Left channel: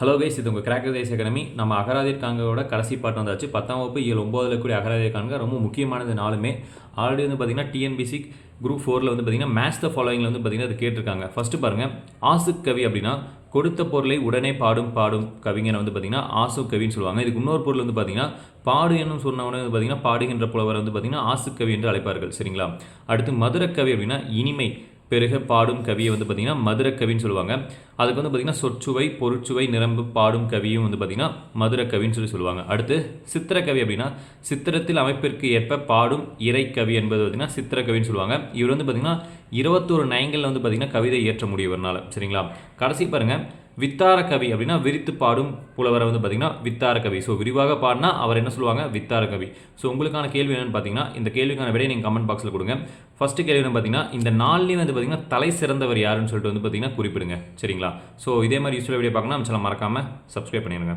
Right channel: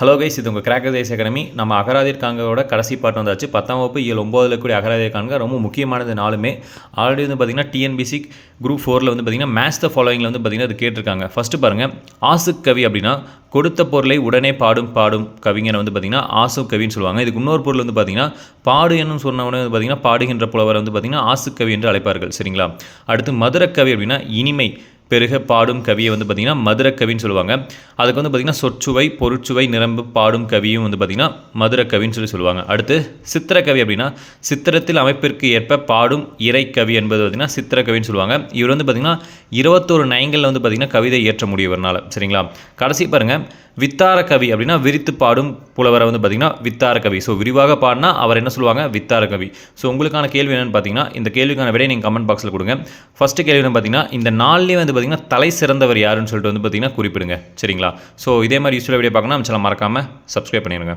Hello guys, இது உங்கள் cracker these academy. நம்ம அகராதிர் காண்கோட கடைசி பாட்டு வந்தாச்சு. 10ஆம் வகுப்பு இயல் 9ல் கூடிய அகராதிர் காண்க ரொம்ப முக்கியமானது நாலுமே. ஆல்ரெடி வந்து பார்த்திங்கன்னா டிஎன்பிசி குரூப் 4ல் வந்து பார்த்திங்கன்னா மேட்ச் த ஃபாலோயிங்கில் வந்து பார்த்திங்கன்னா அது கேட்டிருக்காங்க. ஃபஸ்ட்டு பாருங்கள், ஆசுக் கவி அப்படின்னா கொடுத்த பொருளை உடனே பாடும் கவிஞரை வந்து பார்த்திங்கன்னா ஆசுக் கவின்னு சொல்லுவாங்க. இதுக்கு இன்னொரு பொருள் வந்து பார்த்திங்கன்னா பாடு என்னும் சொன்னவனே வந்து பார்த்திங்கன்னா பாடுகின்ற புலவரை வந்து பார்த்திங்கன்னா ஆசுக் கவி என்று அழைப்பார்கள். சரிங்களா? அடுத்து மதுரக்கவி அப்படின்னா இனிமை பெருக பாடும் கவியை வந்து பார்த்திங்கன்னா மதுரக்கவின்னு சொல்லுவாங்க. அதுக்கு வந்து பார்த்திங்கன்னா சொற்சுவை பொருட்சுவை நிரம்பு பாடும் கவியும் வந்து பார்த்திங்கன்னா மதுரக்கவின்னு சொல்லுவாங்க. அடுத்து சித்திரக்கவி அப்படின்னா சித்திரத்தில் அமைப்பிற்கு ஏற்ப பாடும் இறைக்கவி என்பது பார்த்திங்கன்னா சித்திரக்கவின்னு சொல்லுவாங்க. இவர் வந்து பார்த்திங்கன்னா 21 நயங்களில் வந்து பார்த்திங்கன்னா கவிதை இயற்ற முடியவர்னால. சரிங்களா? கடைசி பாருங்கள், வித்தார கவி அப்படின்னா விரித்து பாடும் புலவரை வந்து பார்த்திங்கன்னா வித்தார கவி. ஸோ விரிவாக பாடினா அவர் என்ன சொல்லுவாங்க? வித்தார கவி. ஸோ உங்களுக்கான கேள்வி என்னென்னு பார்த்தீங்கன்னா, இந்த கேள்விக்கான விடை நீங்கள் கமெண்ட் பாக்ஸில் கொடுங்க. ஃபஸ்ட்டு கேள்வி என்ன பார்த்தீங்கன்னா, இந்த நாள்லேயே வந்து பார்த்திங்கன்னா தலை சிறந்தவர் யாருன்னு சொல்லிட்டு வந்து பார்த்திங்கன்னா குறிப்பிடுங்க. சரிங்களா? ஸோ இதே மாதிரி யூஸ்ஃபுல்லாக வீடியோ பார்க்கணும் நம்ம சேனல் மறக்காமல் சப்ஸ்கிரைப் பண்ணிடுங்க.